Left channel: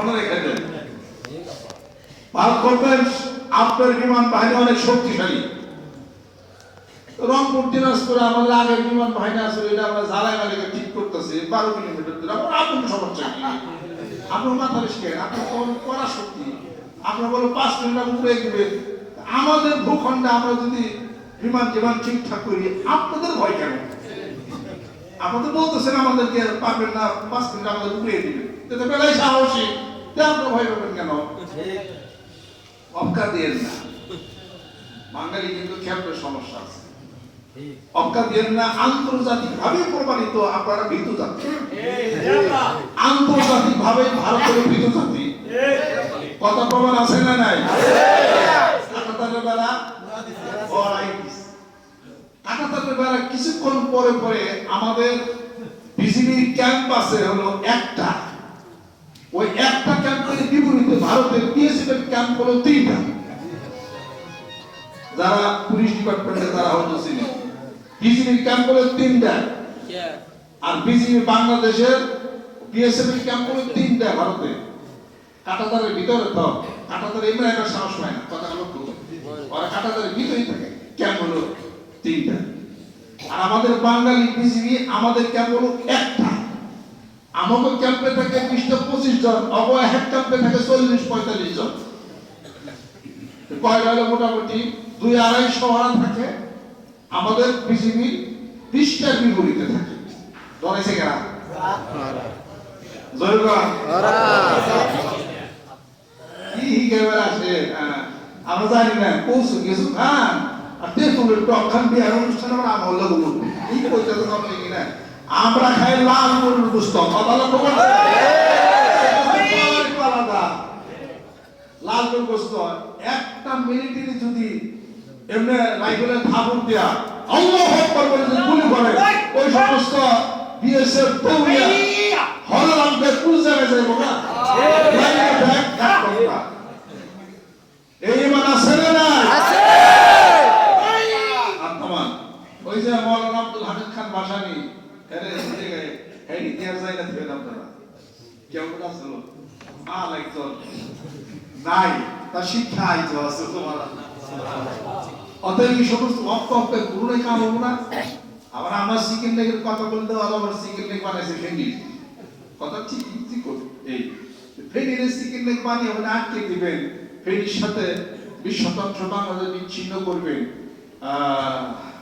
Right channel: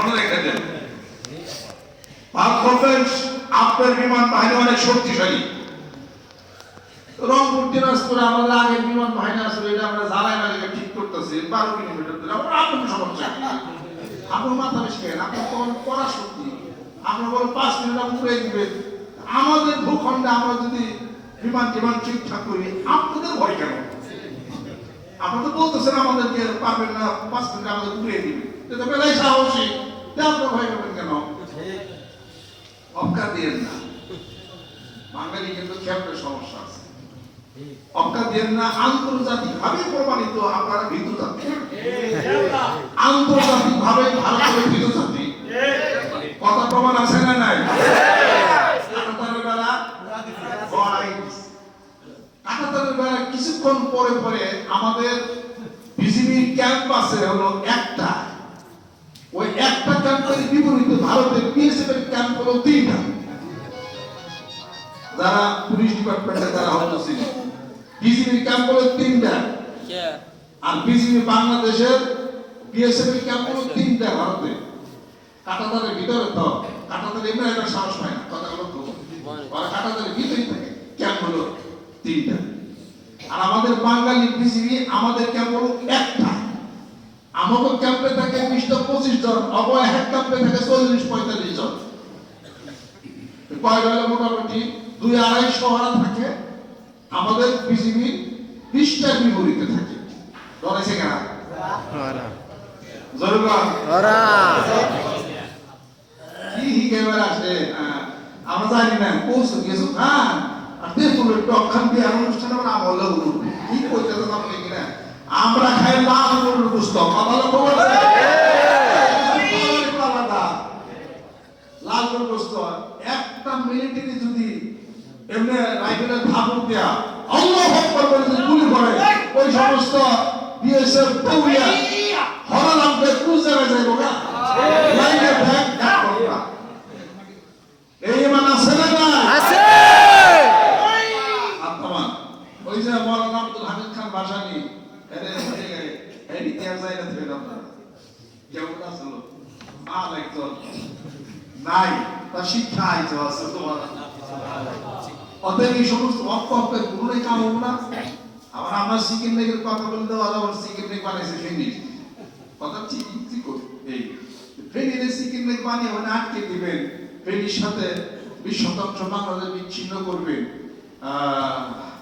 মনে রেখে দেন। আপনার বিমান বাহিনী অনেক শক্তিশালী। রংপুর দিনাজপুরে আমাদের আগে বিমান বাহিনী আসলে এটা আমরা জ্বালাই মালিকে ঠিক করতেছি 12 কিলোমিটার দূরে। আপনার সমস্যা কি? আপনার মাথা বেশি কেন? আপনার তো পড়া শক্তি, আপনার বলো 5 মিনিট উপরে দিবেন। আমাদের ভূখণ্ডে আমরা যদি বিমান ঠিকঠাক করি, আপনাদের ভয় কেন? আপনাদের বলতেছেন আমাদেরকে পারবেন না, 5 মিনিট আমাদের উপরে দিবেন, এটা বেলায় সাহসী, আপনারা ভয় পাবেন কেন? অবকা দিয়ে না, বাঙালি কিন্তু ক্ষেত্রে সমস্যা আছে। অবকা দিয়ে না, আন্তর্জাতিক ভাবে প্রমাণিত আপনারা ভীতু জাতি, আন্তর্জাতিক ভাবে ভারতের ভীতু জাতি। কথা প্রমাণ আছে না নাই? কাঁটাতারের বেলা কিছুক্ষণ পরে পরে আমাদের বিজিবির ক্যাম্প আছে হলো একটা, ওই একটা ক্যাম্পের বিপরীতে ভারতের বিএসএফ এর ক্যাম্প হলো 3টা। যারা পুলিশ ডিপার্টমেন্টে তারা হলো বিজিবির ক্যাম্প হলো 3টা, আর বিজিবি বাংলাদেশের বিএসএফ এর ক্যাম্প হলো 3টা ভারতে। কাঁটাতারের ভিতরে তো কাঁটাতার এমনি একটা সাহস পায় না, কথা হলো তো ওরা কাঁটাতারের ভিতরেই থাকে। ক্যাম্প হলো 3টা, আর আমাদের বাঙালি বিজিবি আমাদের ক্যাম্প হলো একটা। আমাদের ক্যাম্পে থাকে 20-25 জন, অবয় এক ক্যাম্পে থাকে 40-45 জন। কয় হলো মোটামুটি 2-250 হারা থাকে। আমাদের বিজিবি 20টা বিপরীতে থাকে। ধরেছে কেনা জরুরবান কি কেবল আসে আমরা জানি না কোসু কিছু খান আর তেতুলের টক খান দিয়ে অনুষ্ঠান আমরা আমল হলো কি কইতে তো আপনি কি না আমরা খাই লাল মুরুর গুস্ত কথা লক্ষ্য করছেন আলাদা লাল মুরুর গুস্ত একটা মিলিটারি যদি এমনি রাইফেলের ধাবুক দেয়া আল্লাহু আকবার বলে যদি গুলি করে ওই সমস্ত বিএসএফ দৌড়িয়া হরা লাগবে কোন জায়গায় যাইবো না লাইনে ব্যাক করবা। এই মান আছে না না আছে? আত্মমান ওই যে মাওলানা আব্দুল হামিদ খান ভাসানী এর জায়গায় এই ইতিহাস জায়গা থেকে আপনারা কেউ না ছিল আলাইকুম নাই তা শিক্ষা আইতো আছে তোমার অতএব এই সমস্ত অপকল্পে পুরোই কাম হবো না। আবার আমার সিকিম থেকে কথা বলতে আবার সিকিম থেকে বানাইছে ফেনি কথা ঠিক করে এই ফেনির সিকিম থেকে বানিয়ে মানে আটকে দিবেন, ফেনির সাথে 20% বাংলাদেশ বিচ্ছিন্ন করবেন,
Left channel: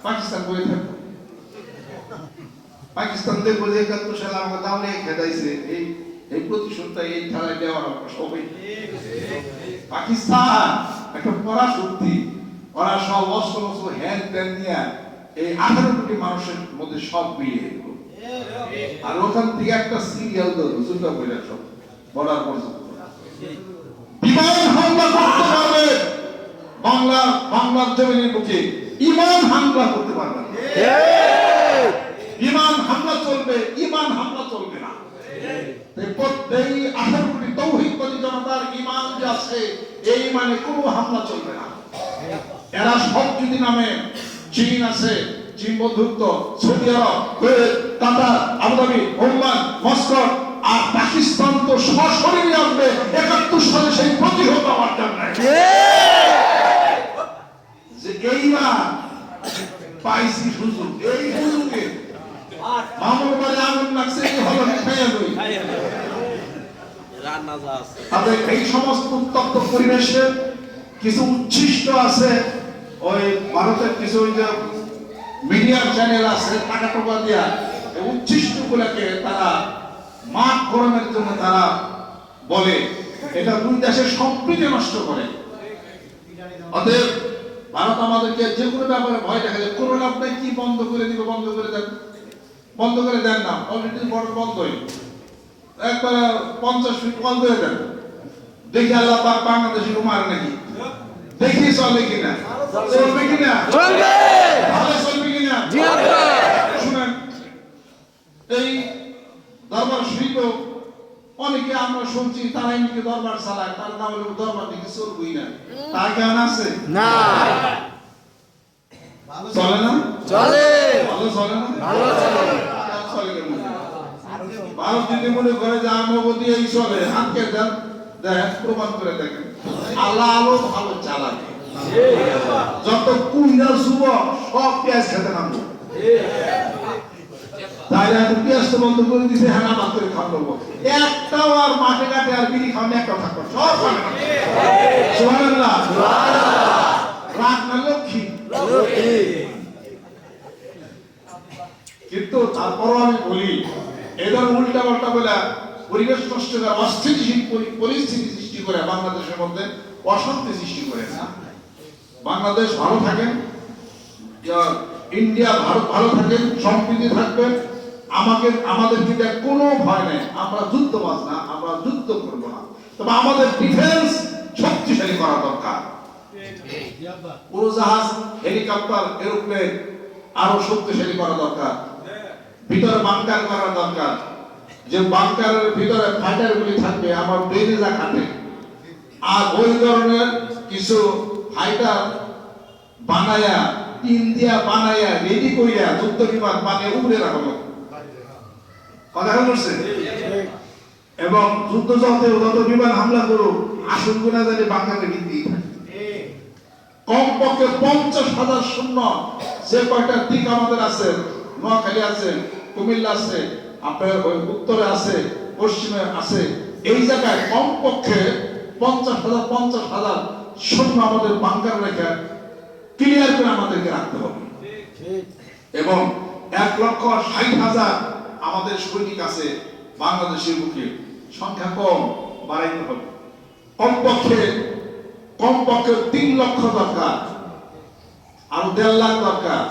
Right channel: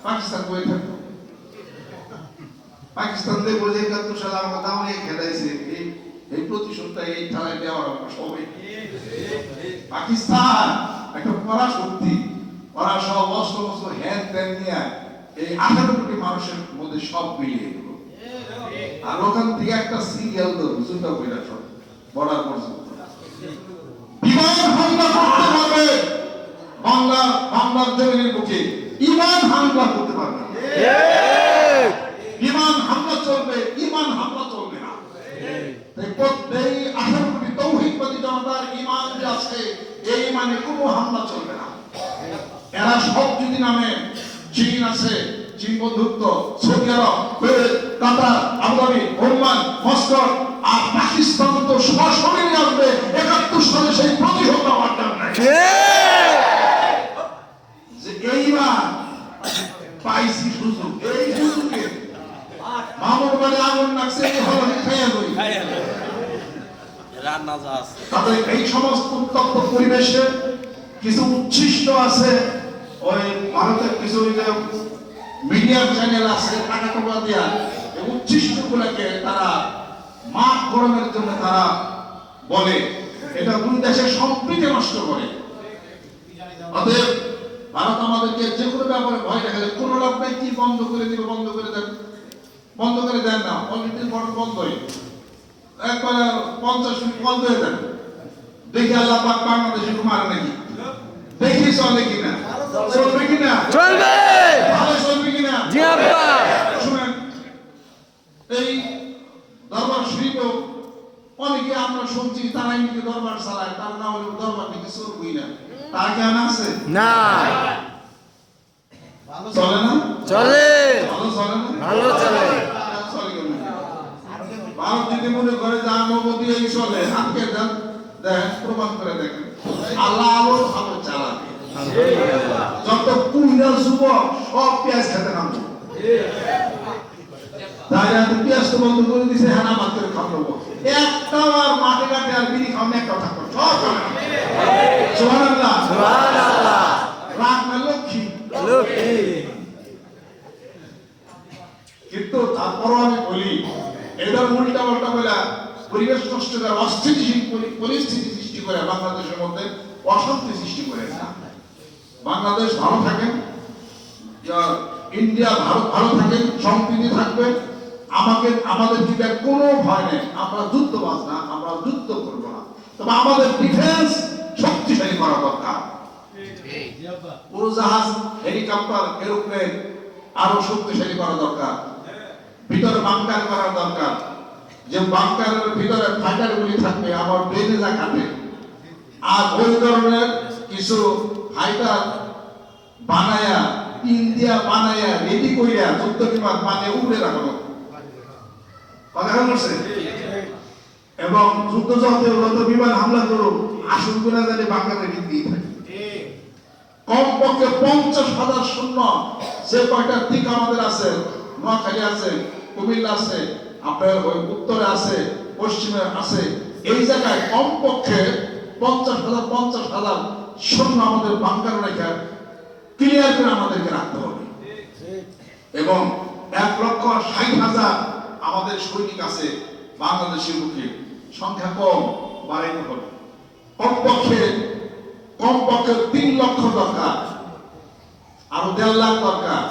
পাকিস্তান করে থাকবে। পাকিস্তান দেখবো যে 71 সালে আমাকে দাওয়ানে খেদাইছে, এই প্রতিশোধটা এই থালায় দেওয়া হবে সবাই। পাকিস্তান একটা পরাশক্তি, ওরা সব অস্ত্র হ্যান ত্যান নিয়ে এই 18 কোটি মানুষের মধ্যে সব মিলিয়ে দিল। আর ওখান থেকে একটা সিরিয়াল ধরো চিন্তা করে সব বলার পর্যন্ত বিমান হামলা করতে পারবে বাংলার জমিনের বুকে, ইমান হামলা করতে পারবে। বিমান হামলা চলবে, ইমান হামলা চলবে না। এই 18 কোটি তৌহিদবাদী জনতার ইমান যে আছে এই ইমানে কোনো হামলা চলবে না। এরা সব যদি নামে চীন আছে, চীন বন্ধুত্ব, সৌদি আরব, কুয়েত, কাতার, আবুধাবি, ওমান, মস্কো, আর পাকিস্তান তো সরাসরি আসবে 71 সালে সেই প্রতিহত হওয়ার জন্য। যে এইবার পাইছি সুযোগ, এই সুযোগে মামুর বাড়ি আগুন লাগছে এই হলো খাইয়া গই রান্না যা আছে। তবে এই সমস্ত উত্তপ্ত পরিবেশে কিছু উচ্ছিষ্ট আছে, ওই ভারতের কিছু ওই যে মিডিয়া চ্যানেল আছে টাকা টাকা দিয়া এই উচ্ছিষ্ট গুলাকে তারা মাঠ গরমের জন্য তারা বলে এটা দুই দেশের সম্প্রীতি নষ্ট করে। অতএব ভারত আমাদেরকে যে কোনো ব্যাপারে ভয় দেখা যায়, কোনো লাভ নাই, কি বন্ধ করে দিবে, বন্ধ করে দেন না, অলরেডি বর্ডার বন্ধই, একবার 50 ফিট বন্ধ হয়ে যাবে। দেখি আল্লাহ পাক বাংলাদেশে মার নাকি দেখি চলে কিনা, চলবে কিনা, চলবে ভালো চলবে কিনা। শুনেন এই দরবার শরীফ অনেকে আমরা শুনছি তারাই নাকি দরবার চালায়, তার না হলে দরবার নাকি চলবেই না, তার জ্ঞান আছে না? চলে না? চলে, ভালো চলে না? ভালো চলে, চলে কেমন? ভারত যদি মনে করে যে আমাকে দিয়ে চলে হাতকে দেন, দেখেন প্রমাণ করে দেখেন আল্লাহ আলো ভালো চালাবে। যত কুইনার যুবক সব পেঁয়াজ খেতে নামবো, তাই এখন পেঁয়াজ তো বন্ধ করে দিছে, হ্যাঁ নামাজ করে খাবো, একটাও আর মাঠে ঘাটে আর বিড়ি খাওয়ানো একটা থাকবো, সব খাবে না। সুবহানাল্লাহ, রাগ না লক্ষ্মী। কিন্তু তারপরও আমি বলি এদের উল্টা পাল্টা বলে পরিবেশ নষ্ট করে অস্থিতিশীল পরিস্থিতি সৃষ্টি করে বাংলাদেশের মধ্যে অশান্তি সৃষ্টি করে না। বাংলাদেশ ভালো থাকেন, ইন্ডিয়া ভালো থাকেন, সম্প্রীতি থাকবেন, আমাদের দিকে কোনো ভয় নেই, আমরা যুদ্ধবাজ না, আমরা যুদ্ধ করব না, তবে আমাদের ডিফেন্স শক্তিশালী করা দরকার। উড়োজাহাজ, হেলিকপ্টার, এরোপ্লেন আরো শক্তিশালী করা দরকার, ভিতরে বাংকার করা দরকার, যে বাংকারের ভিতরে ফাইটার গুলি থাকবে আমার ব্রেনে যা খাটে, আর ওই ধরনের কিছু ফাইটার বানায়া ইন্ডিয়া বানায়া রেডি করিয়া যুদ্ধ বিমান বানিয়ে উড়ে রাখা কথা বলছে। এবং যুদ্ধ যত বিমান হামলা করুক আসল গুণা জানি বাংলাদেশ দিকেই থাকে। কমপক্ষে 50,000 সৈন্য যে কয়টা দিক আমাদের আছে, নোয়াখালী আছে, কুমিল্লা আছে, আপনার ওই উত্তরে আছে, পশ্চিমে আছে, এই জায়গায় কমপক্ষে 50,000 সৈন্য আমাদের বাংকার রেখে ক্লিয়ার করে আমাদেরকে রাখতে হবে। এবং 1,60,000 আমাদের সৈনিক আছে বাংলাদেশের বুকে, সংখ্যা কম, বাড়াইতে হবে। কমপক্ষে 3 লক্ষ দরকার, আরো 1.5 লাখ দরকার,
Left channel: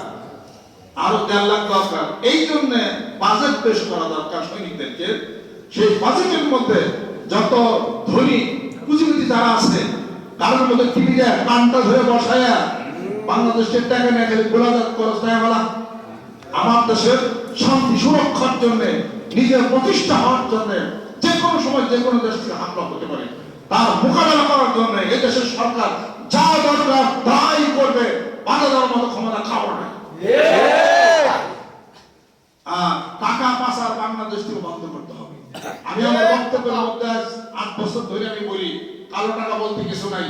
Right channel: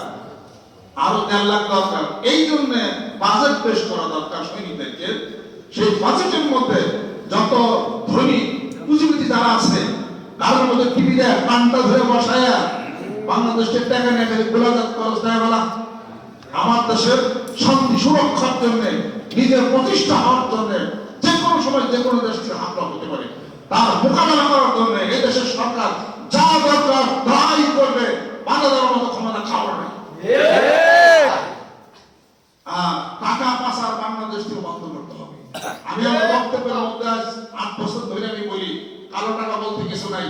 আরো 1.5 লাখ দরকার। এই জন্য বাজেট পেশ করা দরকার সৈনিকদেরকে। সেই বাজেটের মধ্যে যত ধনী পুঁজিপতি যারা আছে তাদের মধ্যে টিভি দেয় পান্তা ধরে বসায়া বাংলাদেশের টাকা নিয়ে খালি গোলাজাত খরচ নেয় বলা, আমার দেশের শান্তি সুরক্ষার জন্য, নিজের প্রতিষ্ঠা হওয়ার জন্য, যে কোনো সময় যে কোনো দেশ থেকে হামলা হতে পারে, তার মোকাবেলা করার জন্য এই দেশের সরকার যা দরকার তাই করবে, বাধা দেওয়ার মতো ক্ষমতা খাবার নেই। টাকা পাচার বাংলাদেশ থেকে বন্ধ করতে হবে। আমি আমার বক্তব্যের মধ্যে 8 বছর ধরে আমি বলি কালো টাকা বলতে কিছু নাই,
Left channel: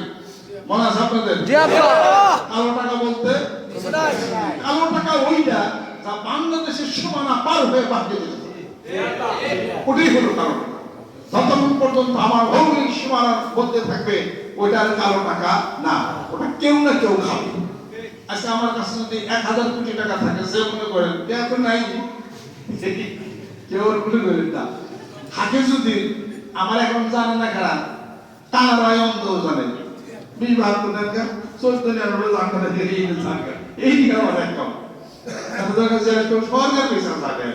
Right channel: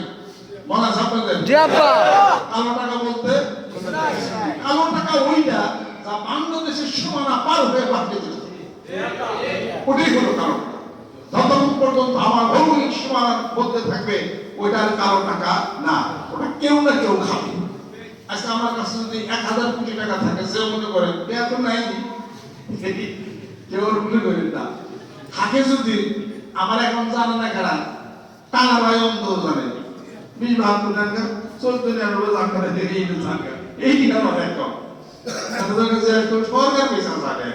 মনে আছে আপনাদের? কালো টাকা বলতে কালো টাকা ওইটা যা বাংলাদেশের সীমানা পার হয়ে বাড়িয়ে দিতে ওটাই হলো কালো টাকা। যতক্ষণ পর্যন্ত আমার ভৌগোলিক সীমানার মধ্যে থাকবে ওইটার কালো টাকা না, ওটা কেউ না কেউ খাবে। আজকে আমার কাছে যদি 1,000 কোটি টাকা থাকে, সে মনে করেন এত নাই, কেউ মনে করেন না থাকে, যদি আমার এখন জানা না খারাপ টানা ভাই অন্ধ জানে 20-72 টাকা 14 জানা এই আমার এখন সরকার পয়সা থাকে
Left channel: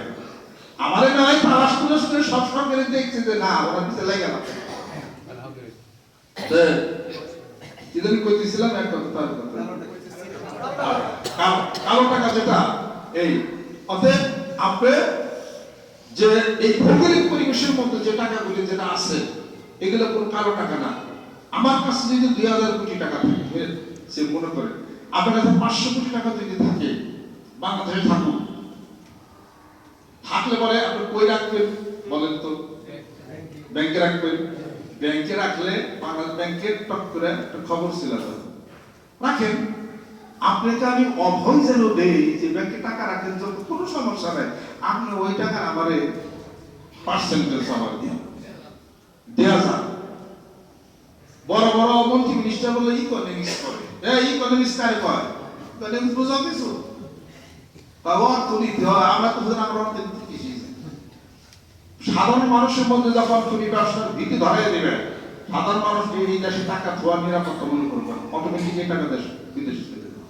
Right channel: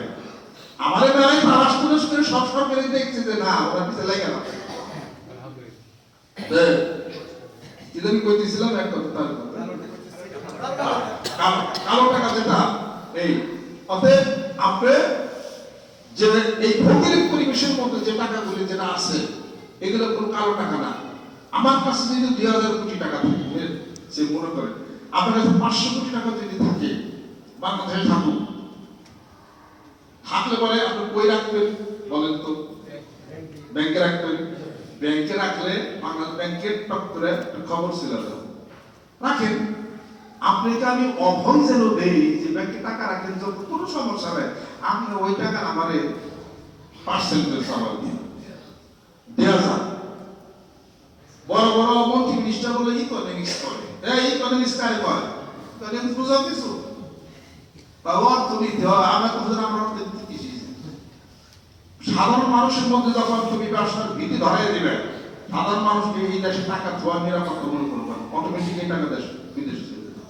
আমার বেলায় তালাশ করে সব সরকারের দেখছে যে না ওরা পিছিয়ে লাগে না। আমি কইতেছিলাম কালো টাকা যেটা এই অতএব আপনি যে এই ভৌগোলিক পরিবেশের মধ্যে যে টাকাগুলি যেটা আছে এগুলো কোনো কালো টাকা না। আমার কাছে যদি 2,000 কোটি টাকা থাকে, সে মনে করে আপনার কাছে 500 কোটি টাকা যদি থাকে, বাংলাদেশে থাকুক, থাকলে পরে আপনি কই রাখবেন বলেন তো? ব্যাংকে রাখবেন। ব্যাংকে রাখলে বাংলাদেশ ব্যাংকের টক করে খবর ছিল রাখেন। আপনাকে আমি অভয় যেন দেই যে ব্যাংকে টাকা রাখেন, কোনো সমস্যা নেই, আপনি ওই টাকা আমারে পার্সেন্টেজ আমার দেওয়া যান। বড় বড় মন্ত্রী মিনিস্টার বলে ইকোনমিক্স করে, ইকোনমিক্স কারে কয়? ইকোনমিক্স বুঝা কিছু অর্থনীতি হয়, আমরা তো বুঝলাম আমরা অর্থনীতি কি। সাধারণ মানুষের মধ্যে যখন তুমি ব্যবসার ভীতি ধরাই দেবে, সাধারণ মানুষকে এই দেশে টাকা ধোয়ার নিরাপত্তা মনে করবেন, অটোমেটিক এই টাকা দেশ বিদেশে চলে যাবে।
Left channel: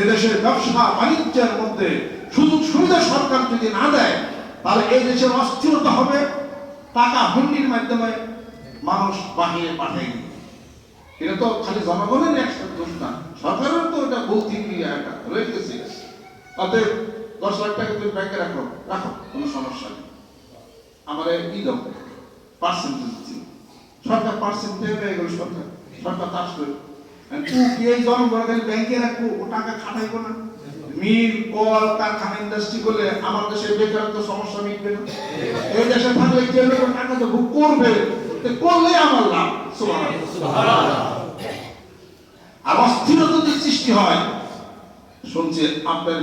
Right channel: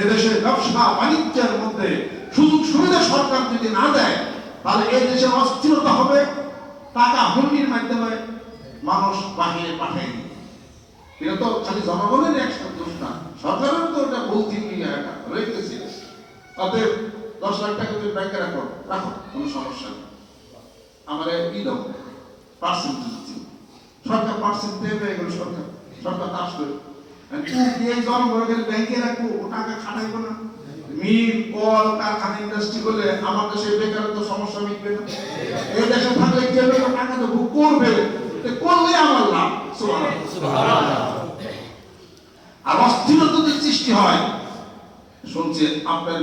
এদেশের ব্যবসা বাণিজ্যের মধ্যে সুযোগ সুবিধা সরকার যদি না দেয়, তাহলে এই দেশের অস্থিরতা হবে, টাকা হুন্ডির মাধ্যমে মানুষ বাহিরে পাঠায়। এটা তো খালি জনগণের একটা দোষ না, সরকারের তো এটা ভৌতিক একটা রয়ে গেছে। অতএব 10 লাখ টাকা তুমি ব্যাংকে রাখো, কোনো সমস্যা নেই, আমার কি দাও পার্সেন্টেজ দিচ্ছি, সরকার পার্সেন্টেজ এগুলো সরকার পাস করে জনগণের ব্যাংকে রাখবো, ও টাকা খাটাইবো না, মিল কল কারখানা ইন্ডাস্ট্রি করলে আমার দেশে বেকারত্ব সমস্যা মিটবে না। এই দেশে থাকলে কি হবে, টাকা তো ভোগ করবে, করলে আমার লাভ। সুবহানাল্লাহ। আর অস্থিরতা যদি সৃষ্টি হয়, শুনছি আপনার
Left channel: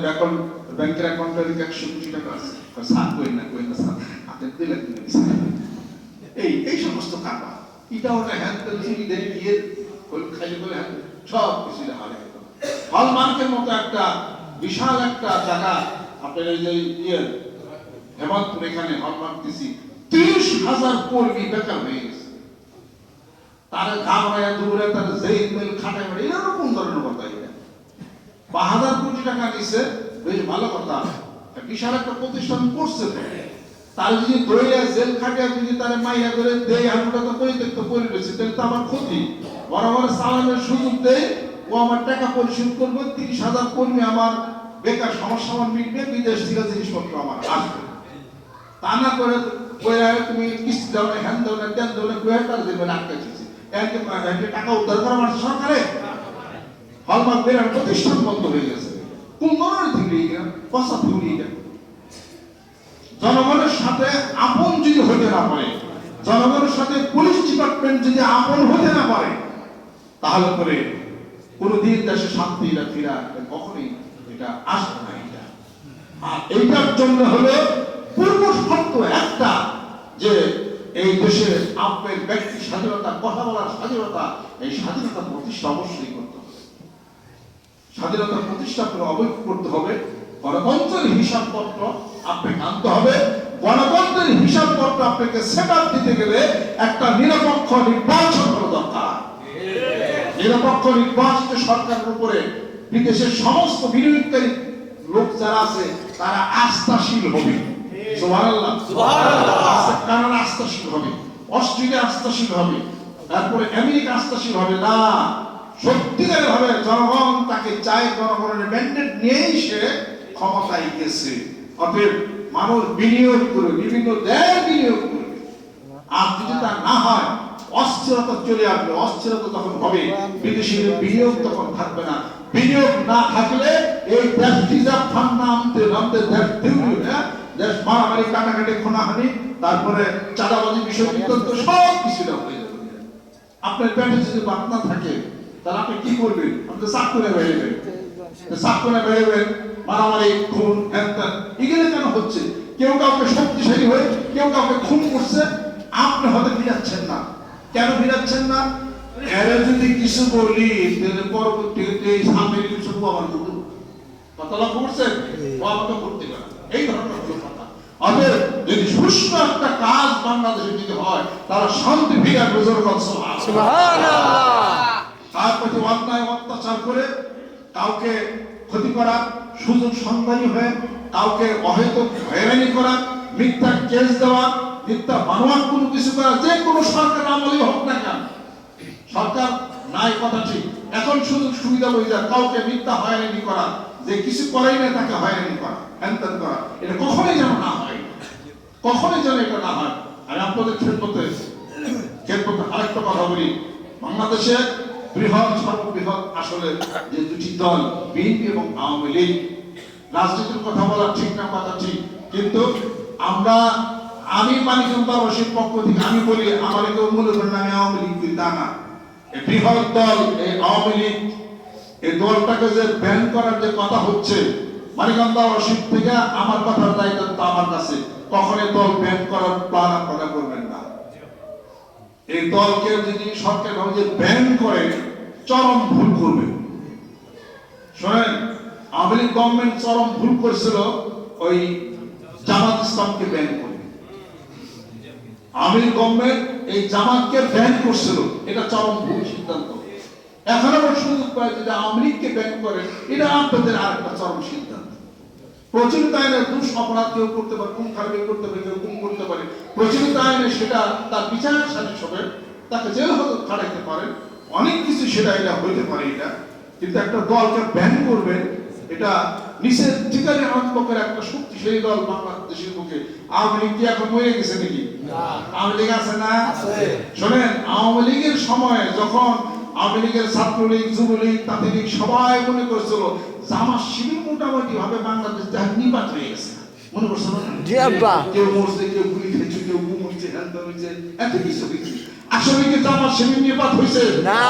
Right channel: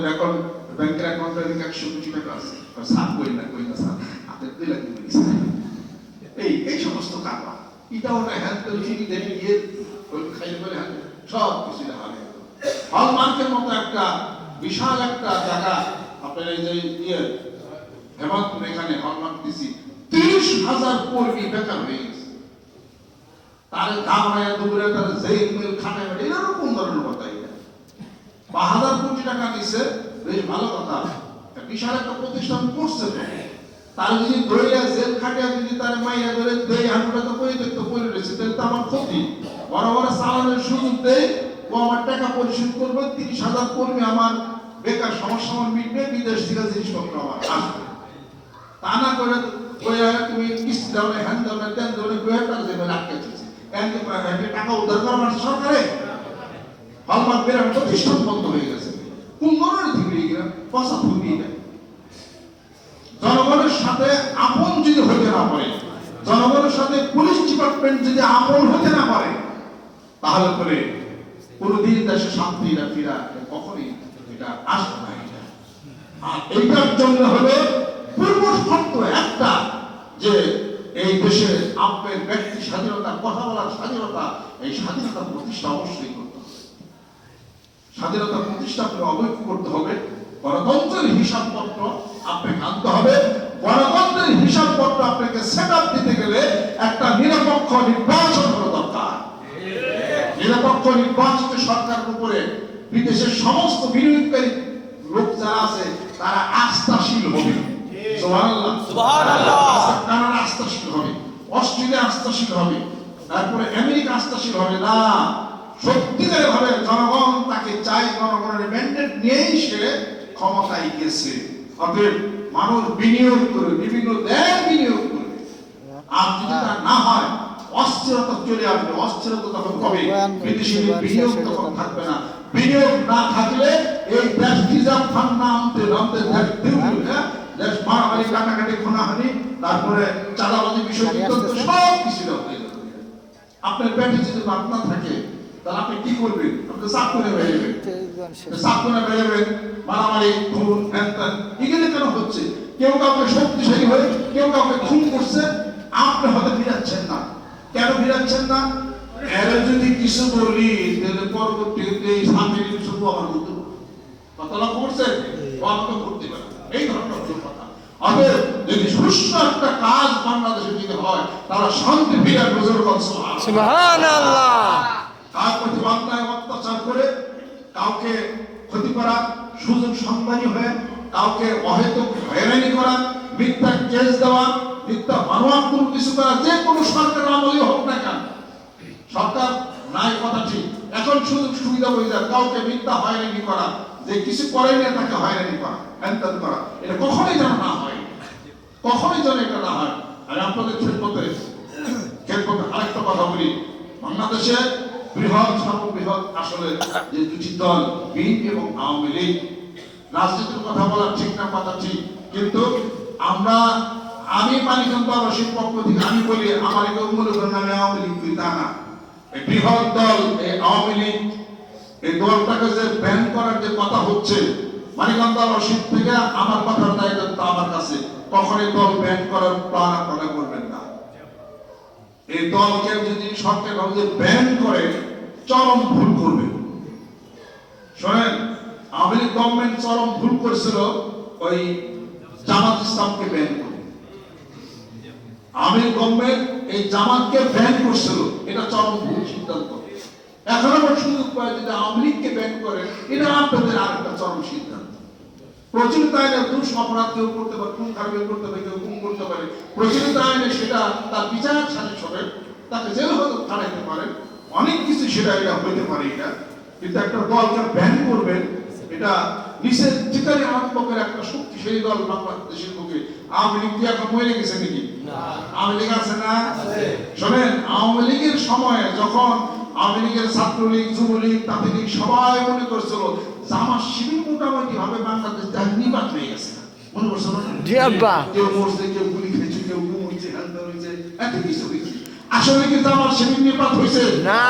ব্যাংকের অ্যাকাউন্টে 100 কোটি টাকা আছে, সাত কই না স্যার আপনি দিলে এই সমস্ত টাকা এটা ওটা হ্যান্ডেল ফিরি দেন গিয়ে ওই খাইলে বলে সব কিছু হারে। হলমার্কের মতো একটা বিশাল একটা জায়গা আপনার এই যে হেমন্তপুর, এখানে হলমার্ক দিছি 30,000 কর্মী বেকার হয়ে গেছে। তার গামড়ায় দূরে তার জেল মেল খাটাই বাড়ি, এটা কোন ধরনের কথা? এটা 5,000 কোটি টাকা নিছে, বেশ ভালো কথা, বিশাল একটা প্রতিষ্ঠান করছে। তার যদি দইয়া জেল খাটিয়া যদি তার মাইয়া ধরে দেয়, আমরা তো পরিত্যক্ত করে রয়েছি, তাহলে তো আমার ক্ষতি। বড় বড় চালানোর সুযোগ দেয়, ও আমার টাকা পরিশোধ করবে, 30,000 কর্মী আমার বেকার সমস্যা আমার মিটবে, বিদেশ থেকে জিনিসপত্র আমার আসবে। তা না করে তুমি কিস্তি দাও না, হ্যান দাও না, ত্যান দাও না, তার দেবে আটকে দিচ্ছে। টাকা উদ্ধার করা আমার সরকারে হলমার্ক বেরার প্রতিষ্ঠান বন্ধ হয়ে গেছে। কোন ধরনের থেকে পয়সা ফুরিয়ে যায়। জনগণের সাথে আপন যদি হতে না পারে, জনগণের সাথে পুলিশ ডিপার্টমেন্ট যদি আপন হতে না পারে, তাহলে পরে কোনদিন দেশে শান্তি ফিরা কখনই এটা আসবে না। আর এইটার জন্য হলো পূর্ব শর্ত একটা, যে এই দেশে আপনার ব্যক্তি স্বাধীনতা, কথা বলার স্বাধীনতা, এই স্বাধীনতা প্রতিষ্ঠা অবশ্যই করতে হবে। স্বাধীনতা প্রতিষ্ঠা করে অবৈধ করতে হবে। গণতন্ত্রের হিসাবপত্র আপনাকে আনতে হবে। গণতন্ত্রের হিসাবপত্র আপনাকে সেট আপ দিতে গেলে একটা নিরপেক্ষ নির্বাচন করা দরকার। নিরপেক্ষ নির্বাচিত সরকারের উপরে বিদেশের সমস্ত বিনিয়োগকারী লোক যারা আছে তারা আস্থাশীল হবে। সুবহানাল্লাহ, সুবহানাল্লাহ। কানাডা আস্থাশীল হবে, অস্ট্রেলিয়া আস্থাশীল হবে, তারপরে আমেরিকা আস্থাশীল হবে না। সত্যিকারের ভাবে জনগণ তাকে চায়, জনগণের ম্যান্ডেট নিয়েই সে ক্ষমতায় গেছে। অতএব মানুষ বিনিয়োগ করে, বিভিন্ন দেশ বিনিয়োগ করবে। আর যদি তা না হয়, অস্থিরতা চলে আসবে। অস্থিরতা যখন হবে, বিদেশি বিনিয়োগ তখন থাকবে না। বিনিয়োগ না থাকলে এই দেশ রিজার্ভ ফান্ড না আনতে দেশ দেউলিও, দেশ মারামারি, কাটাকাটি, খুনাহানি, তারপরে চাঁদাবাজি, বিষয় বিতর্ক সব কিছু হয়ে যাবে। আপনার পেটে যদি বাত না থাকে, তাহলে আপনি কি করবেন? আপনি চাকুরে বেরোবেন, চাকুরে বেরোবেন, মারামারি, খুন, হ্যান, এগুলো কেন হচ্ছে? কেউ কাউকে শক্তিশালী হয়ে কেউ কাউকে খুন করছে, আপনি হয়তো ফিরাচ্ছেন না। কেন ফিরাচ্ছেন না? এরা যদি কিছু বলি, তাহলে পরবর্তীতে সামনে কিছু আমার মতো কথা লক্ষ্য করছেন, ও আমাকে করতে পারে, এই ধরনের কথা। অতএব যদি সুষ্ঠু একটা কাজ বাংলাদেশে যদি হয়, তারা শান্তি ফিরে আসবে। সুবহানাল্লাহ। কার প্রতি অন্যায় অত্যাচার করে কাউকে ক্ষতি করা, সুযোগ সন্ধানী হয়ে কাউকে অহেতুক হয়রানি করা, মিথ্যা কেস দেওয়া, মিথ্যা বানোয়াট কোনো কিছু করা, যে কোনো সরকার আমলে হোক না কেন, সরকার নাই কথা ঠিক, এখন সুযোগ সুবিধা বই যায় কাউকে মিথ্যা হয়রানি করা, যে কিছু করেই না তাকে হয়রানি করা, হ্যান করা, এটা কখনোই যেন না হয়, কখনোই যেন এটা না হয়। আমি আপনাদের ক্ষেত্রে আরেকটা কথা বলি, বাংলাদেশে সর্ববৃহৎ আসলে যে দুটি দল, বিএনপি এবং আওয়ামী লীগ, রাজনীতির কথা বলা ঠিক না, কথা ঠিক, কিন্তু আমি মানিকগঞ্জ আবাসিক পক্ষ থেকে আমি বলি, আমার কেউ মনে করেন আমি আওয়ামী লীগ করি, তা না। এই বৃহৎ দল এই আওয়ামী লীগ, এই দলটাকে যে ব্যান করার যে কথা হচ্ছে, মানিকগঞ্জ আবাসিক থেকে আমার কথার দায়িত্ব আমার কাছে, কখন এই দল ব্যান করার প্ল্যান আপনারা করবেন না। এই দলকে যদি সরকার ভাবে ব্যান করে, চরম ভুল করবে। শোনেন, আওয়ামী লীগ গভর্নমেন্ট চরম ভুল করেছিল ওই জামাত ইসলামকে ব্যান করে। আওয়ামী লীগ গভর্নমেন্ট এই জামাতকে ব্যান করছিল, এটা চরম ভুল সিদ্ধান্ত। এখন আবার সুযোগ পায় যদি আওয়ামী লীগকে ব্যান করে, এটা আপনাদের আরেকটা চরম সিদ্ধান্ত। প্রচলিত আইনে দুষ অপরাধ কেউ করতে পারে, খুন খারাপি করতে পারে, কেউ গুম করতে পারে, প্রচলিত আইনে সেটা তার বিচার সালিশ হবে, তাকে জেল হতে খাটাইতে পারে, অনেক কিছু সেটা এটা হইতে পারে এটা। কিন্তু একটা দলকে ব্যান করবেন, এটা নিষেধাজ্ঞাকারী আত্মকের একটা শক্তিশালী দল বাংলাদেশের বুকে। আওয়ামী লীগ কি এখন মরে গেছে নাকি? আওয়ামী লীগ আছে না? শোনেন, আওয়ামী লীগের সময় যখন আওয়ামী লীগের ছাত্রলীগ, যুবলীগ, তাঁতিলীগ সবাই মনে করছিল জামাত শিবির মোটামুটি ভাবে বাংলাদেশ থেকে নিপাত হয়ে গেছে মনে করছো না? জি আব্বা। কেউ মরছে, কেউ গুলি খেয়েছে, কেউ ঘুমছে, হ্যান্ডাম হয়েছে, এত কিছু হয়েছে। আসলে কি জামাত শিবির নিপাত হয়েছে না,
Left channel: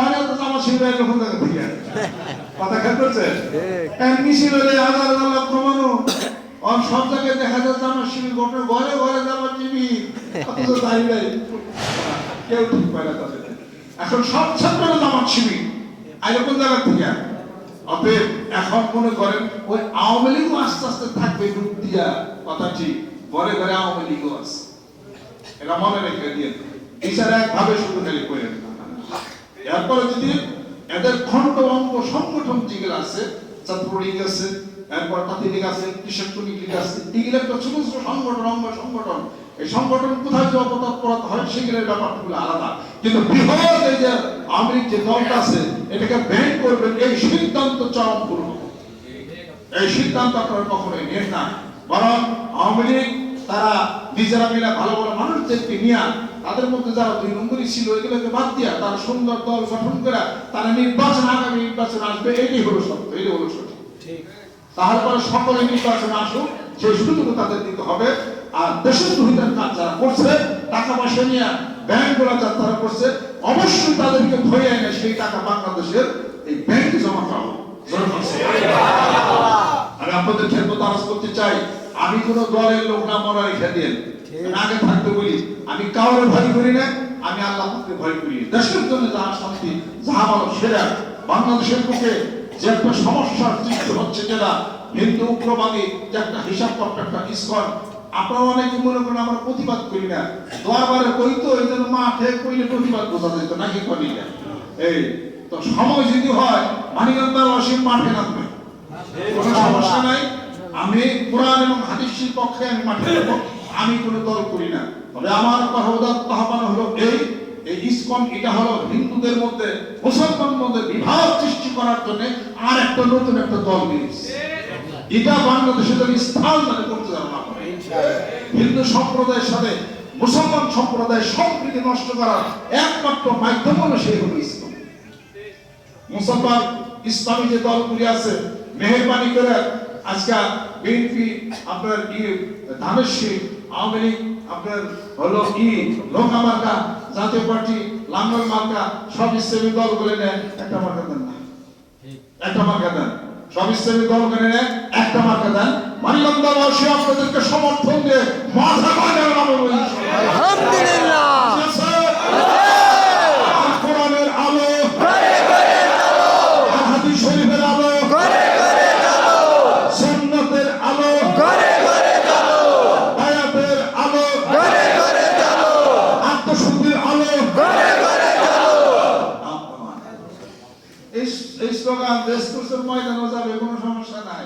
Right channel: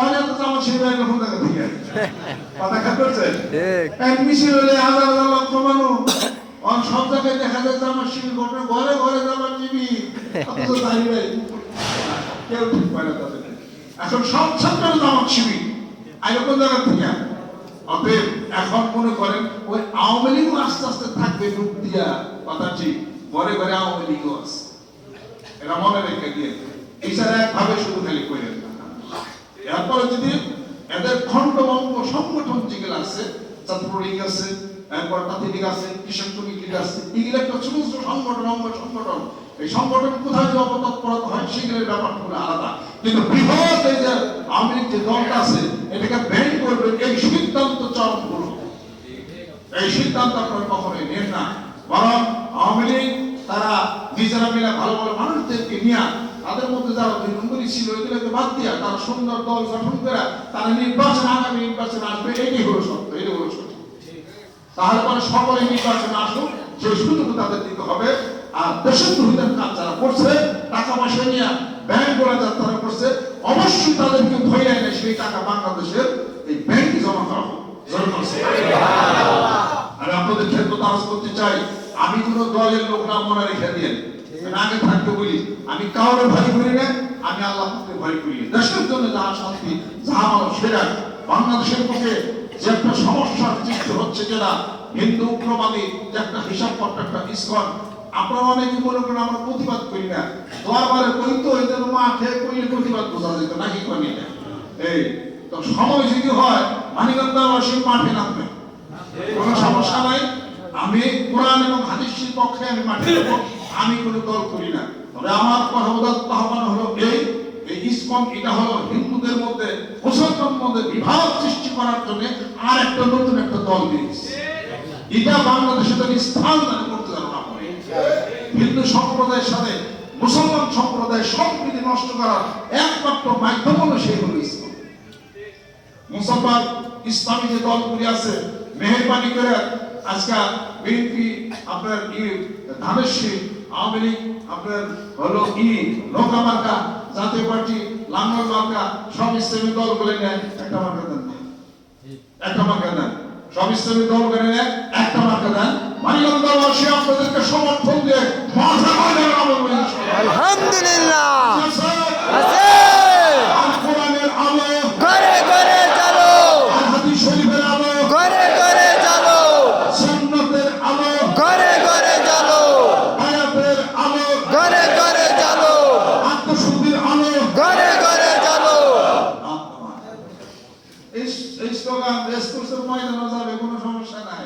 অনেক তো জামাত শিবির এরকম জায়গা থেকে কথা খেয়াল করছে ঠিক। এক মিছিল হলে হাজার হাজার লক্ষ মানুষ আর সব জায়গায় দেখা যায় জামাত শিবির ঘটনা ঘরে ঘরে জামাত শিবির অথচ দাঁড়িয়ে কেউ ঠিক পায় না তাদের। এখন সব ছাত্র জামাত শিবির আগে কোন জায়গা থেকে অতএব এখন মনে করেন ওই আওয়ামী লীগও আস্তে আস্তে থাকবে রূপ দিয়া কথা ঠিক ঘরে ঘরে আওয়ামী লীগও আছে এটা মনে রেখে দিয়ে এছাড়া একভাবে শুধু খালি করে এরপরে যদি এদের খণ্ড অঙ্গ সংগঠন যেগুলো আছে ছাত্রলীগ আছে এরপর তাঁতি লীগ আছে কৃষক শ্রমিক লীগ আছে এগুলো একটা ছোট ছোট সংগঠন অঙ্গ সংগঠন এই সংগঠন কোথায় যে অপতৎপরতা হয় সেগুলোর ব্যাপারগুলো আলাদা কিন্তু বৃহৎ এই যে আওয়ামী লীগ যে দলটা আছে এটাকে ব্যান করবেন এই সিদ্ধান্ত চরম ভুল এই সিদ্ধান্ত আপনারা কখনোই নেন না বরং আওয়ামী লীগ তারা নিজেরা মিলে ভালো ভালো মানুষদেরকে নিয়ে তাদের মধ্যে যারা 2 নম্বরই ছিল এগুলোকে বাদ দিয়া তারা সুন্দর দল গঠন করে তারা নির্বাচন আগামী নির্বাচন আসবে এটাই হলো সত্য এটাই হলো সত্য তাহলে পরে সকলে নির্বাচন আসুক সেই সুযোগ তাদের দিতে হবে আর দেশের দুর্নীতির কাজ যারা করছে টাকা পয়সা নিয়ে ব্যাংকগুলো যারা করছে অবশ্যই তাদেরকে ধরে এনে সেই টাকা বাংলাদেশের এই ব্যাংকে জমা করা হোক আমি আপনাদের ক্ষেত্রে আজ করতে চাই আমি কোন দলের লোক না মনে রেখে দিয়ে আগে থাকতে বলি আমি কাউরে ভয় করি না আমি আল্লাহকে ভয় করি দেশের জন্য যাহা শান্তি যাহা ভালো সেরা বাংলাদেশের পক্ষে যে একটা সমস্যার সৃষ্টি হচ্ছে যেটা হিন্দু উগ্রবাদী যে একটা হিসাব পত্র একটা ইস্কন আপনারা অনেকে মনে করেন আমরা প্রতিবাদ করি না দরবারে কই তো এই জন্য মাঠে কইলে প্রতিবাদ বোঝা যেত নাকি করি না এই তো সময় যদি হয় মানিকগঞ্জের অসীম মাঠে নামবে কোনো সমস্যা নাই আমি কোরআন এবং হাদিসের পক্ষে আমি মাঠে যাব আমি কোনো দল করি না তবে আমার পরবর্তী আহ্বান হলো এই ইসকন এটা হলো হিন্দুদের মধ্যে মুসলমানদের মধ্যে বিভাগ সৃষ্টি করার জন্য আর একটা নতুন একটা দল দিয়েছে এটা বাংলাদেশের জন্য স্থান দান করতে যাবে না হিন্দু সম্প্রদায়ের সাথে মুসলমান সম্প্রদায়ের সম্প্রীতি নষ্ট করার একমাত্র মাধ্যম হলো সেই হলো ইসকন মুসলমান ইসলামী যে দলগুলি আছে মেহেরবানি করে আজকে বিএনপি আপনার ধানেশ্বরী আওয়ামী লীগ আপনার হলো নৌকা মার্কা জাতীয় পার্টি লাঙ্গল মার্কা সব ইসলামী দলগুলো নেয় একটা মার্কা দেন একটা মার্কা দেন সব ইসলামী দলগুলো নেয় একটা মার্কা দেন মানিকগঞ্জবাসী আপনাদেরকে সমর্থন দিয়ে মাথা করে আলহামদুলিল্লাহ কোরআনের আলো ঘরে ঘরে চলো, হাদিস শরীফের আলো ঘরে ঘরে চলো, সুন্নতের আলো ঘরে ঘরে চলো, আয়াতের আলো ঘরে ঘরে চলো, আত্মশুদ্ধির আলো ঘরে ঘরে চলো। এই স্লোগান দেশ কোর্সের ময়দানে যাবে কোনো সমস্যা নাই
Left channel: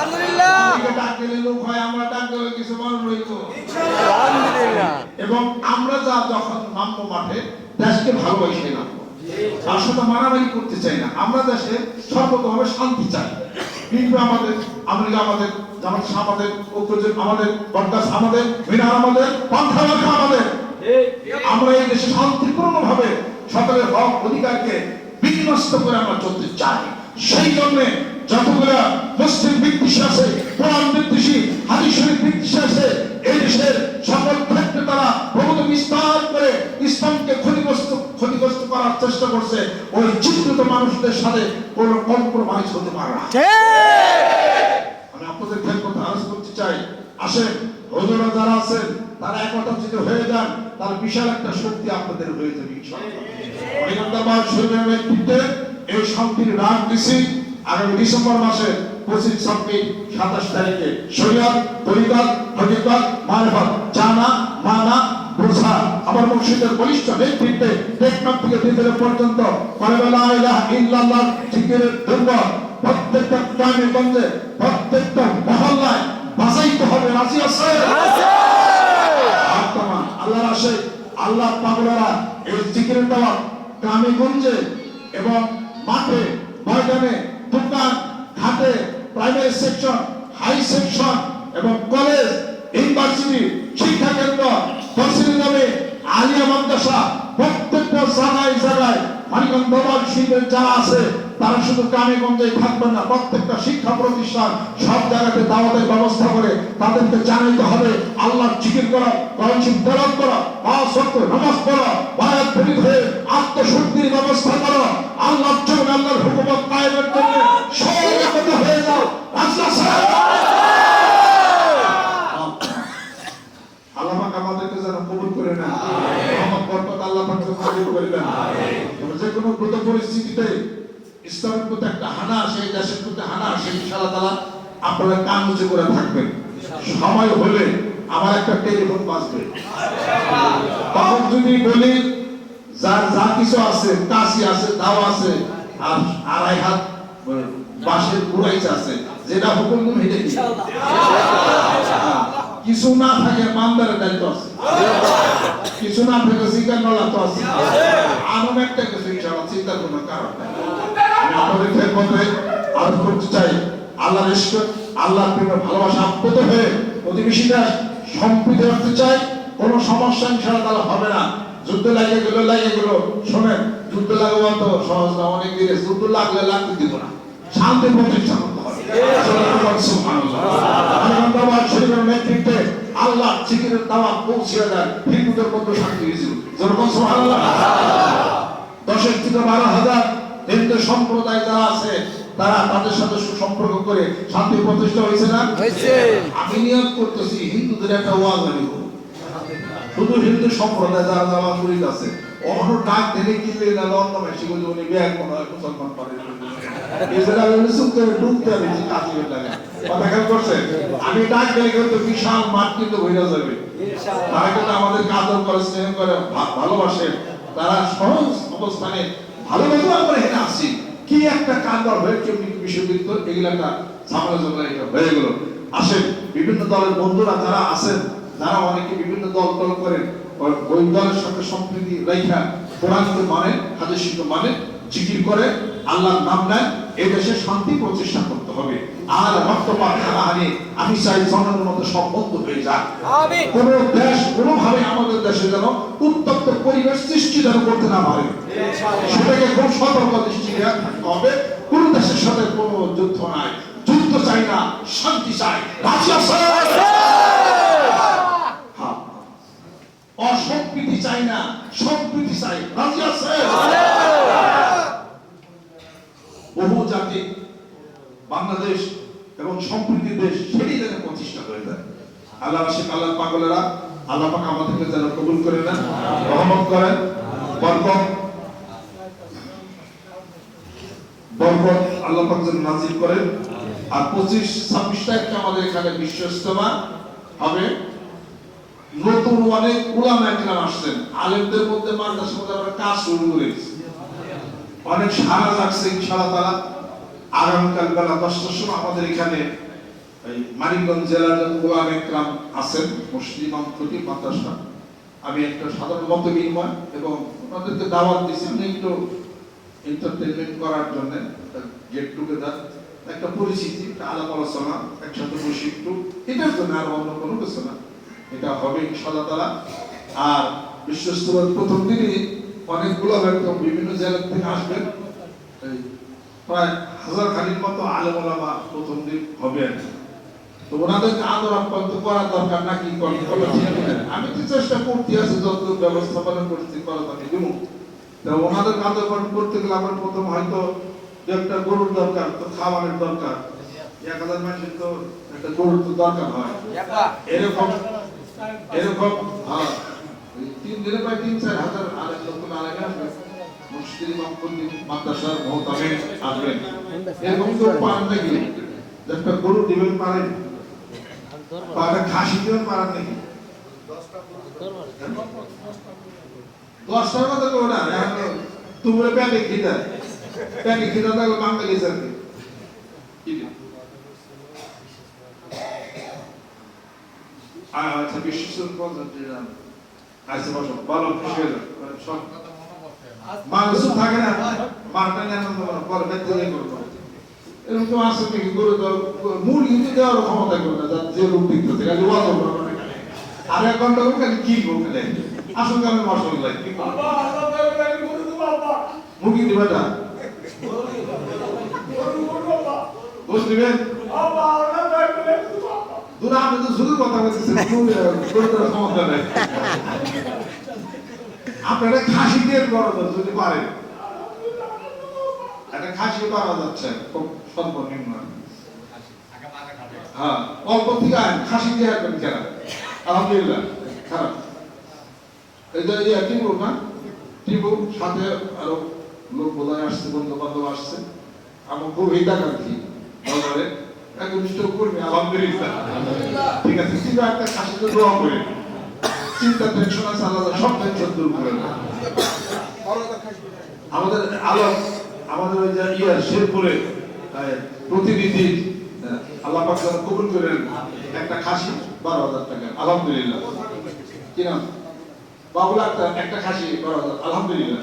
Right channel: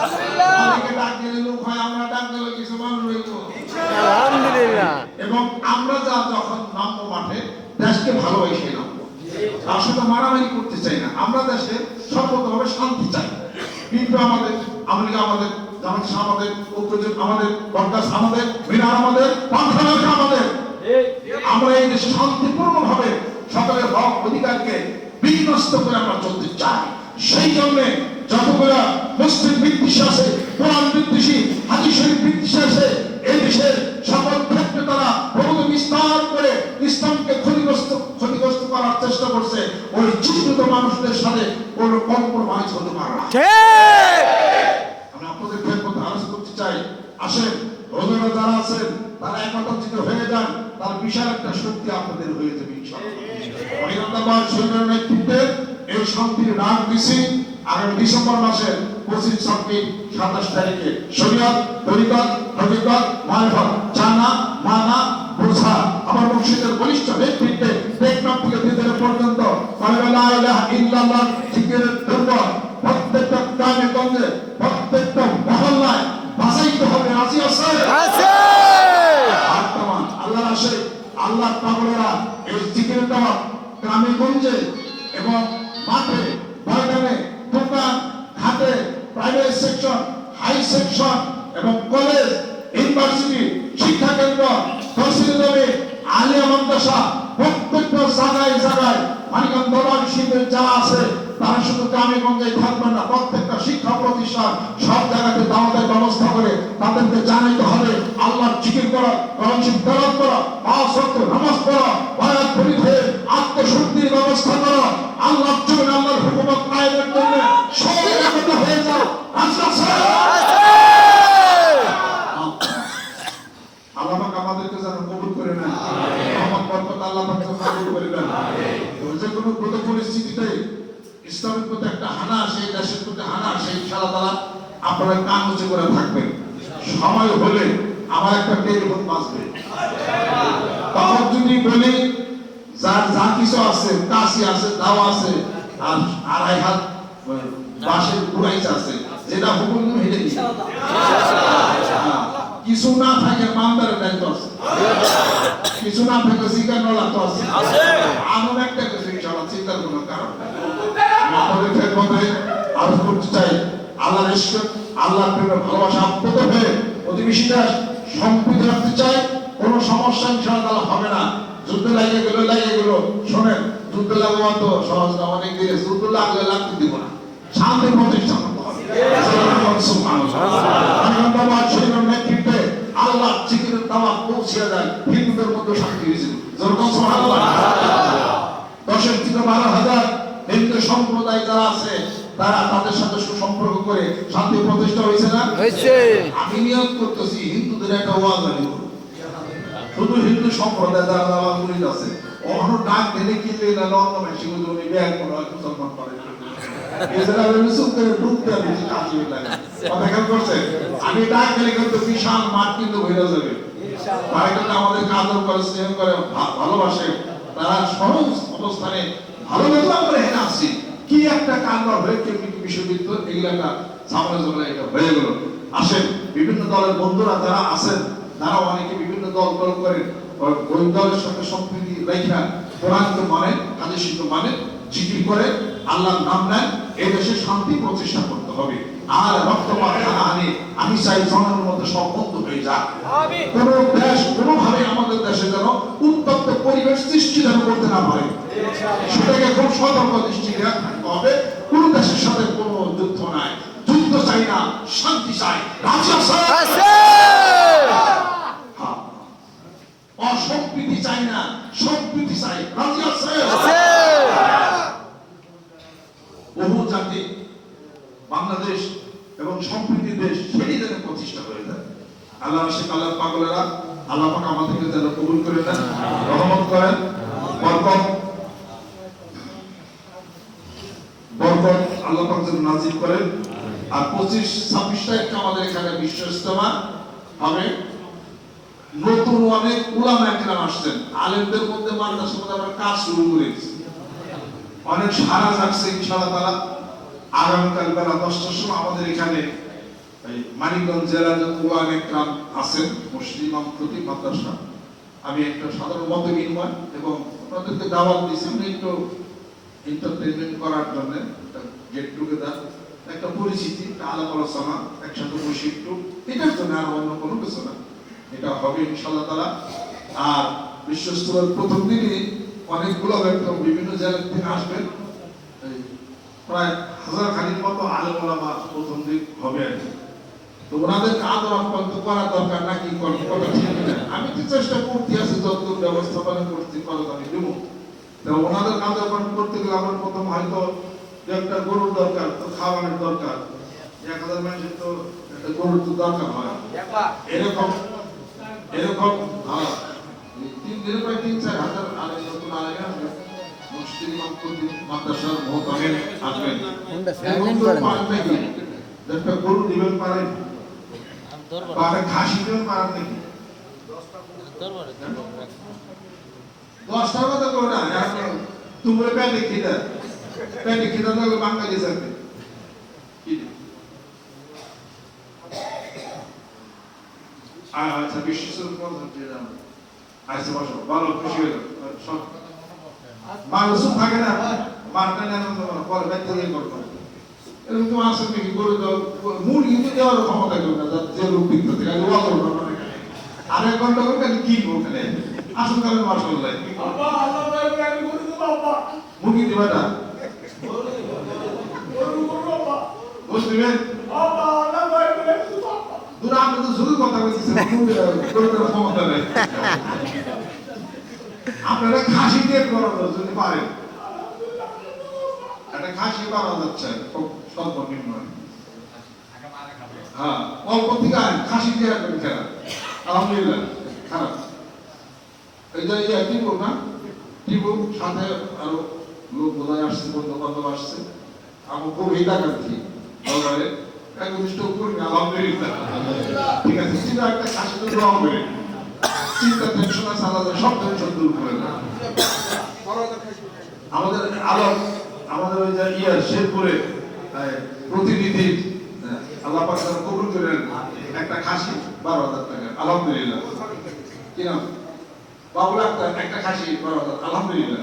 আলহামদুলিল্লাহ, অনেকে ডাক দিলে লোক হয় আমরা ডাক দিলে কিছু মানুষ হইতো আলহামদুলিল্লাহ। এবং আমরা যা যখন নামবো মাঠে দেশকে ভালোবাসে নামবো তার সাথে মারামারি করতে চাই না আমরা দেশে সর্বতভাবে শান্তি চাই কিন্তু আমাদের আমেরিকা আমাদের জামাত আমাদের ঐক্যজোট আমাদের বরদাস আমাদের মিনার আমাদের পন্থা আমাদের আমরা এই দেশে শান্তিপূর্ণভাবে সকলের হক অধিকারকে বিনষ্ট করে আমরা চলতে চাই সেই জন্য যতগুলো মুসলিম বিদ্বেষী আছে কোরআন বিদ্বেষী হাদিস শরীফ বিদ্বেষী আছে এই দেশের সকল ক্ষেত্রে তারা প্রভূত বিস্তার করে ইসলামকে ক্ষতিগ্রস্ত করার চেষ্টা করছে ওই চিহ্নিত মানুষদের সাথে কোনো কম্প্রোমাইজ হতে পারে না আমি আপনাদের ক্ষেত্রে আলোচনা করতে চাই আসেন হুজুরা যারা আছেন তারা একতা যদি হয়ে যান তার বিশাল একটা শক্তি আপনাদের হয়ে যাবে ইনশাআল্লাহ সৈন্যের নেতৃত্বে এই শান্তির ডাক দিছি আগামী ডিসেম্বর মাসের 25 26 27 তারিখে শরীয়ত তরিকত হকিকত মারিফত জানা মানা বোঝা আমার মুর্শিদের বলিষ্ঠ নেতৃত্বে টেকনাফ থেকে দিল্লি পর্যন্ত লা ইলাহা ইল্লাল্লাহ জিকিরের দুর্গ প্রত্যেকটা গ্রামে গঞ্জে প্রত্যেকটা মহল্লায় বাজাইতে হবে রাজি আছে আল্লাহর আশে আল্লাহ পাগলেরা এই জিকিরের দাওয়াত গ্রামে গঞ্জে এবং মাঠে ময়দানে দোকান ঘাটে প্রাইভেট সেকশন হাই সেকশন এবং কলেজ ইউনিভার্সিটি শিক্ষা কেন্দ্র তহসিল নামে আলিয়া মাদ্রাসা প্রত্যেকটা জায়গায় জায়গায় মানিকগঞ্জ দরবার শিবিরের যারা আছে তারা শুধু গ্রামে গঞ্জে থাকবে না, প্রত্যেকটা শিক্ষা প্রতিষ্ঠান সব জায়গাতে দাওয়াতের ব্যবস্থা করে তাদেরকে জানাইতে হবে আল্লাহ জিকির করা, কোরআন শরীফ তেলাওয়াত করা, পাঁচ ওয়াক্ত নামাজ পড়া, বায়াত শরীফ হয়ে আত্মশুদ্ধির ব্যবস্থা করা, আল্লাহর জন্য আল্লাহর হুকুমত কায়েমের জন্য সবাই একত্রিত হয়ে যাও। আল্লাহ আল্লাহ পাক আমাদেরকে যেন কবুল করে নেন, রহমত বরকত আল্লাহ পাক যেন কবুল করে নেন। যে কোনো দ্রুত পরিস্থিতিতে ইসলামের প্রতি একটা হানা আসে, দেশের প্রতি হানা আসে, ইনশাআল্লাহ তাআলা আপনারা কান উঁচু করে থাকবেন। সময় হলে আমার একটা টেলিফোন বাজবে, তখন যদি বলি যার যা কিছু আছে, কাশি আছে, দাও আছে, আর আড়াই হাত বাঁশের গুড়াইছে আছে, যেটা হুকুম হেঁটে কিছু না থাকে মানদারের দায়িত্ব আছে, কিছু না থাকে শিকার নলা তো আছে, আরো একটা কিছু ইনশাআল্লাহ চিন্তা কোনো কারণ নাই। আপনাদের খেদমতে আরো করতে চাই আল্লাহর ইশক, আল্লাহর প্রেমে ভালোবাসা আপ্লুত হয়ে প্রতিবেশীরা সম্প্রীতি রাখতে চাই। কোনো সমস্যা ইনশাআল্লাহ হবে না। যুদ্ধ লাগে গেল শোনেন, যুদ্ধ লাগবা তো সহজ না, অনেক দিনে যুদ্ধ লাগলে লাগতে দিব না, শান্তি প্রতিষ্ঠা করতে হবে। নেতৃত্বে আল্লাহ জিকিরের দাওয়াত পৌঁছে দেন, হিন্দুদের মধ্যে শান্তি হয়েছিল। দশের থেকে 12,000 হিন্দু সম্প্রদায় যারা আছে তারা তাদের সাথে সুসম্পর্ক করে শান্তি প্রতিষ্ঠা হয়েছে না? আমি নিয়োগ করতেছি হিন্দুদের একটা ওয়াজ আমি করব, শুধু হিন্দু সম্প্রদায় যারা যারা মুরিদ আছে অন্য ডাক দিলে কি পেয়ে গেল অন্য মাসি বলে উনি ব্যাগ মনে হয় মুসলমান পারে আমি ডাক গেলে কিন্তু বিশাল মাঠ কিন্তু হয়ে যাবে। তারা কিন্তু আমাদেরকে আদর করে, স্নেহ করে, ভালোবাসে। তারা সহজ অবস্থানে ভালোভাবে আমরা এখানে আসছি। কি একটা কাণ্ড হয়ে কেমনি বিশ্ববিদ্য এগুলা ঝামেলা ঝামেলা এটা হয়ে গেল। আসেন বিভিন্ন দলের বন্ধুরা যারা আছেন, যারা অনেকে বিভিন্ন দল করেন, ওই দলের সাথে সম্প্রীতি রেখা কোরআনকে মানেন, হাদিসকে মানেন, জিকির করে, আল্লাহর নাম নেন। এই দেশে শান্তি প্রতিষ্ঠা করতে হবে। আর রক্তপাত, হানাহানি আমি চাই জনের মধ্যে সব বন্ধ হয়ে যায়। কোন দেশ কোনোভাবে আমাদের দেশে যেন উত্তপ্ত পরিবেশ সৃষ্টি যেন করতে না পারে, সেটাকে খুব সতর্ক দৃষ্টি থাকতে হবে। কোন দেশের সাথে কোনো যুদ্ধ নাই, যুদ্ধ চাই না, শান্তি চাই। রাজি আছে? অসম্প্রীতি চাই না, সম্প্রীতি চাই। রাজি আছে? বহু জাতি বাংলাদেশ এবং সম্প্রীতির দেশ, সেটি যেন প্রতিষ্ঠা হয়ে যায়। আল্লাহ আশিক, আল্লাহ পাগলেরা, আল্লাহ পাক আমাদেরকে যেন কবুল করে নেন, রহমত করেন, বরকত আল্লাহ পাক যেন নাজিল করেন। আর 25-26 তারিখে আমাদের এখানে বিশ্ব ইজতেমা হবে। নতুন অনেক উলামা একরাম আসছেন, আলেমদের মধ্যে মাদ্রাসার মধ্যে আমরা কাজ শুরু করেছি, অনেক সারা লাগছে। ইনশাআল্লাহ তাআলা আগামীকাল বেলা 10টার সময় আমাদের এখানে মানিকগঞ্জ জেলার উলামা একরাম আছেন, মসজিদ ইমাম খতিব মাদ্রাসা। আমি একটা সাধারণ মত বিনিময় এবং আপনাদেরকে দাওয়াত দিয়েছি, আমি একটু এন্টারটেইনমেন্ট করার জন্য গেট টুগেদার, একটা পরিচিতি, একটা আলাপ আলোচনা, একসাথে বসে একটু, এটার জন্য আর অন্য কোনো কিছু না। এটা হবে ইনশাআল্লাহ তাআলা। আর বিশ্ব ইজতেমার প্রথম দিনই অনেকগুলো একদম বিভিন্ন জেলা থেকে আসবেন, প্রায় 1000 খানিক মতো আলেম ওলামা প্রথম দিন হবে আর কি। তো ওনাদেরকে আদর আপ্যায়ন করার দরকার নাকি কোনো ঠিক না। আমি তো চেষ্টা করতে আছি যতটুকু ব্যবস্থাপনা করতে করা আমি দেবো। তো ওনাদের আদর আপ্যায়ন করতে গেলে আমার প্রথম হয়তো একটা গরুর দরকার, তো খাওয়ানোর দরকার, 1000 মানুষের তো একটা গরুর তো দরকার হয়। এরকম 3 দিনে প্রায় 3-4 হাজার আলেম নতুন আলেম আসবে, মসজিদ ইমাম খতিব মাদ্রাসার মুহতামিম আসবেন। এরকম তো পারেন নাকি একটা গরু দিবেন, পারেন বা খাসি দিবেন, পারেন নাকি? 10টার কথা কেউ না, তোমরা প্যাটে খিদা থাকলে বাঙালি যাবে আচ্ছা বিশ্বের আচ্ছা বসো, ভালো খুশি হয়ে যাও। মানুষ থাকে না, মারটা নেন পরে ব্যক্তি করবো, এরকম তো আসে নাকি গরু মুরগি কিন্তু দেওয়ার ক্ষমতা কেউ না, যে রূপ দিতে থেকে আর 1 ঘন্টা করে কি ওখানে আসল কারণে মশলা যায়। মুরগি দিবা না মুসলিমের দুরা আমি তো শুধু কথা বলতেছি ক্ষমতা নেই আপনারা খাসি দিয়ে করানো যদি পারেন একটা খাসি পাওয়া যাচ্ছে খুব সর্বনিম্ন হ্যাঁ অল্প থেকে খাসি দিয়ে একদম খেলা আলহামদুলিল্লাহ খারাপ এই যে টিপু না টিপু সাথে আরো লোক বোধহয় আসছে বন্ধু বান্ধব আসছে আমার খুব হিতাকাঙ্ক্ষী দরবারে একনিষ্ঠ কর্মী আলহামদুলিল্লাহ ঠিক আছে চিন্তা একটা খাসি তো গ্রহণ করে চিন্তা টেনশন আছে আলাদা সব টেনশন দূর করে দেয় আমাদের আলোক আমাদের ওই যে শেরপুরে প্রতিনিধি আল্লাহ পাক কবুল করেন একটা খাসি 12,000 টাকা আলহামদুলিল্লাহ কি নাম বাবুল আক্তার একটা খাসি 12,000 আলহামদুলিল্লাহ